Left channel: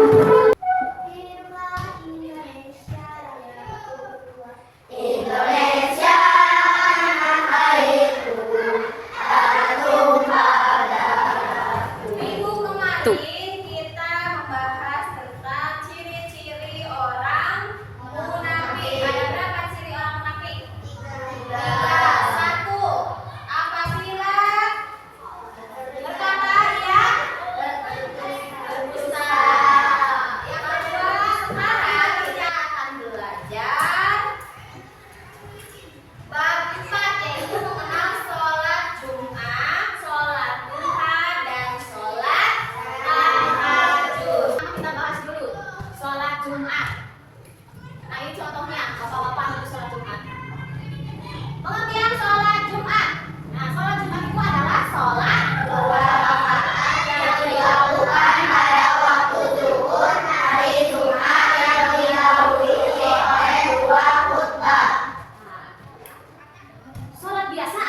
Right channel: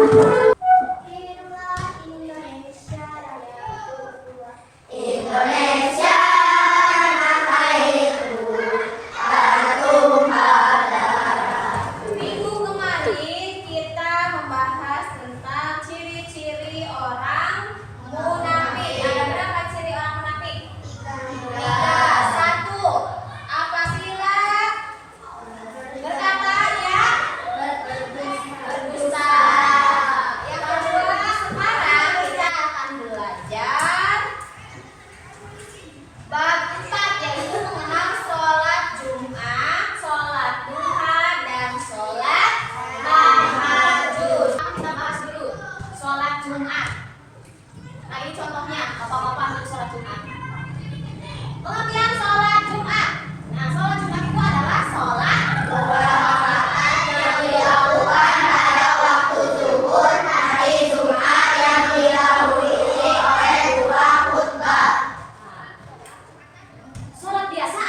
Hiduplah Indonesia Raya. Indonesia tanah airku, tumpah darahku. Minggu kemarin kita membahas tentang ciri-ciri orang munafik. Ada berapa ciri orang munafik? Tiga. Satu, apabila berkata ya berdusta. Yang kedua, sekarang kita akan belajar bab 4, yaitu mengenal sholat Jumat, sholat duha, dan sholat tahajud. Kita bahas dulu sholat Jumat. Nah, ini contohnya, bapak-bapak ambil sholat Jumat. Pengertian sholat Jumat. Nah, sholat Jumat itu adalah sholat Dua rakaat yang dilakukan pada waktu zuhur hari Jumat yang didahului oleh dua khutbah. sholat biasa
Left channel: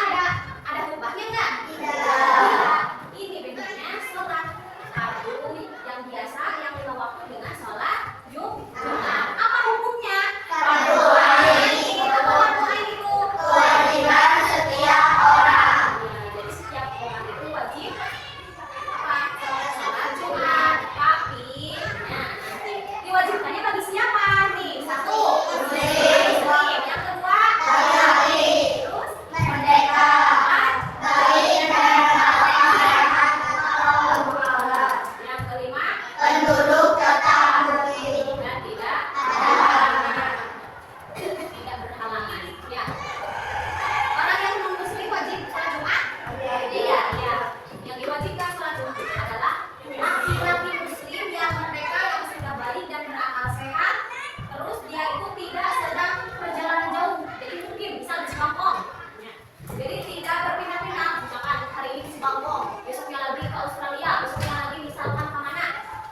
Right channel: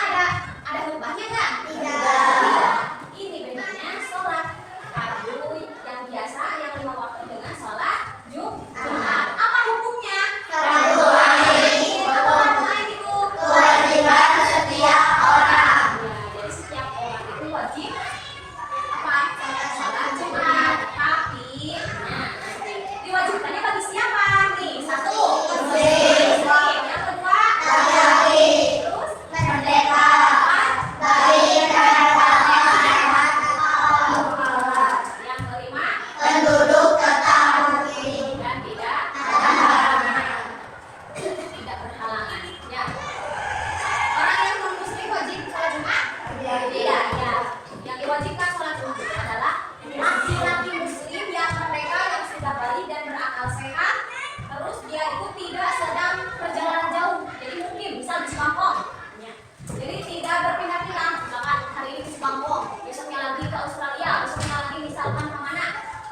ada khutbahnya nggak? Tidak. Ini bedanya sholat fardu yang biasa yang 5 waktu dengan sholat Jumat. Apa hukumnya? Fardu ain. Apa fardu ain itu? Kewajiban setiap orang. Nah, jadi setiap orang itu wajib apa? Sholat Jumat. Tapi, nah, diwajibkannya bagi siapa nih? Satu, Muslim. Yang kedua, Laki-laki. terus Merdeka. empat, Baik dan sehat atau aurat. yang kelima, Penduduk tetap muslim. dan tidak Ada halangan. tidak berhalangan. Ya. Orang yang non muslim wajib sholat Jumat? Tidak, ya. Yang diwajibkan sholat Jumat itu adalah laki-laki muslim yang mereka yang sudah balik dan berakal sehat, terus dia itu tidak sedang perjalanan jauh. Jadi mungkin misal di Bangkok. Ya. Jadi tidak berpindah-pindah. Misalkan hari ini di Bangkok, besoknya lagi ke Australia, besoknya lagi misalkan ke mana.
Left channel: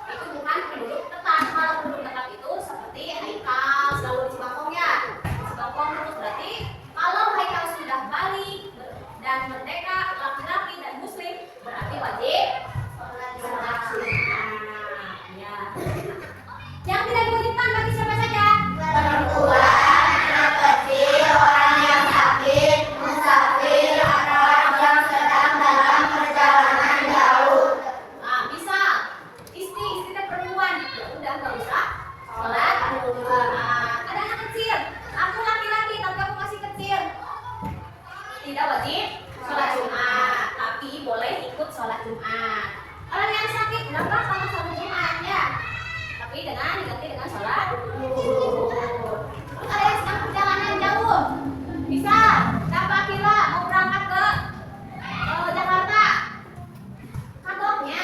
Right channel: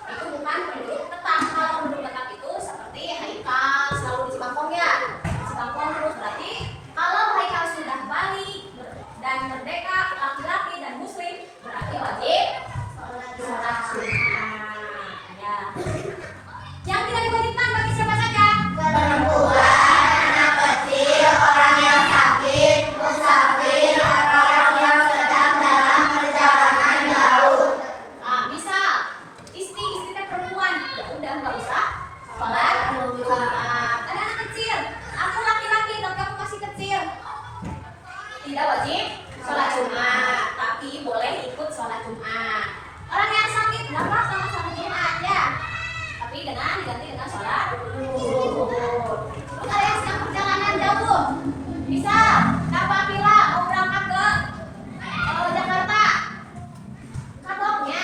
Itu bukan penduduk tetap. Kalau penduduk tetap itu seperti Haikal selalu di Bangkok ya. Di Bangkok terus berarti kalau Haikal sudah balik dan merdeka, laki-laki dan muslim, berarti wajib sholat Jumat. Ya. Yang tidak diwajibkan bagi siapa saja? Perempuan, anak kecil, orang yang sakit, musafir, atau orang yang sedang dalam perjalanan jauh. Nah, misal istri teh perempuan, ya udah nggak usah sholat Jumat. Ada anak kecil, aku laki-laki tapi aku masih kecil, tidak wajib sholat Jumat, tapi boleh ikut sholat Jumat. Orang yang sakit nggak apa-apa nggak sholat Jumat ya, tapi diganti dengan sholat duhur. Terus ada yang sedang perjalanan jauh, misal Napakila mau berangkat ke Jakarta, kagoknya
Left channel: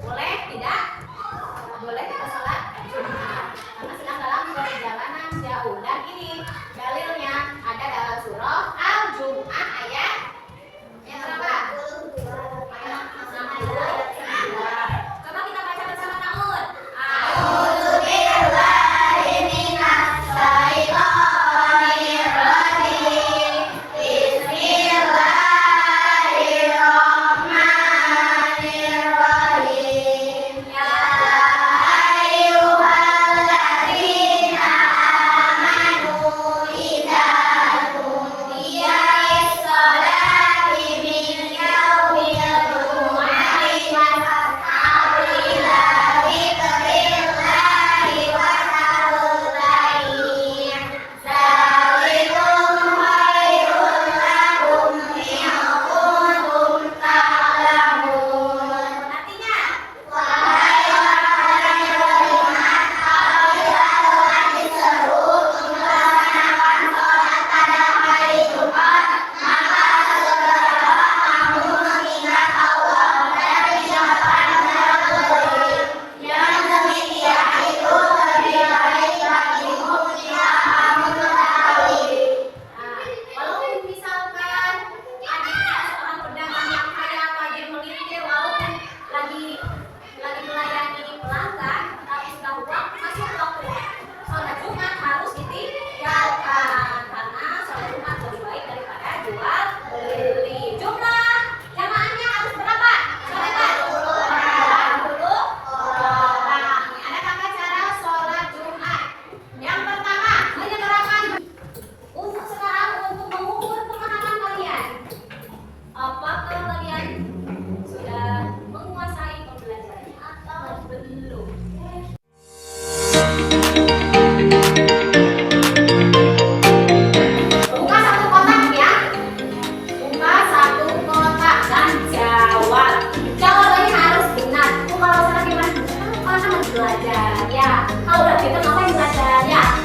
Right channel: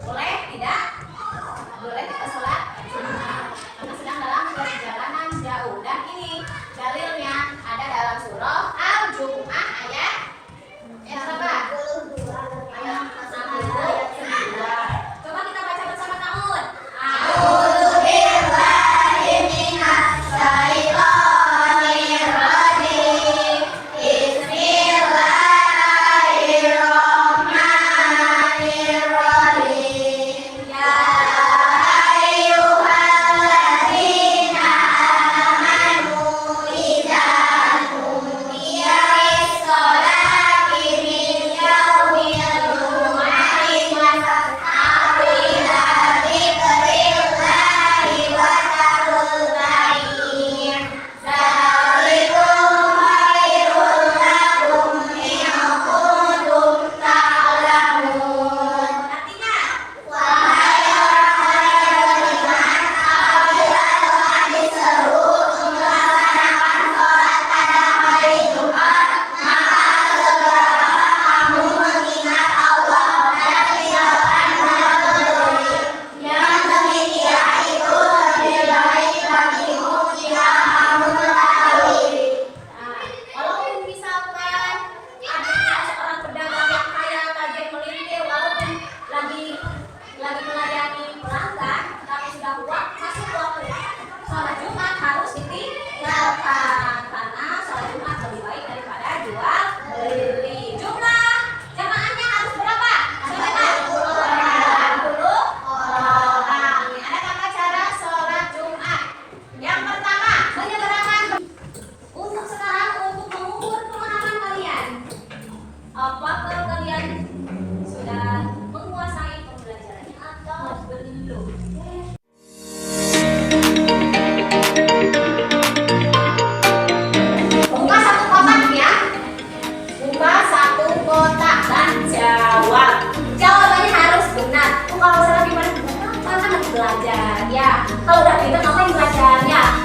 boleh tidak? Boleh kita sholat Jumat karena sedang dalam belajar ya. Kalau udah pintar ngapain belajar ya?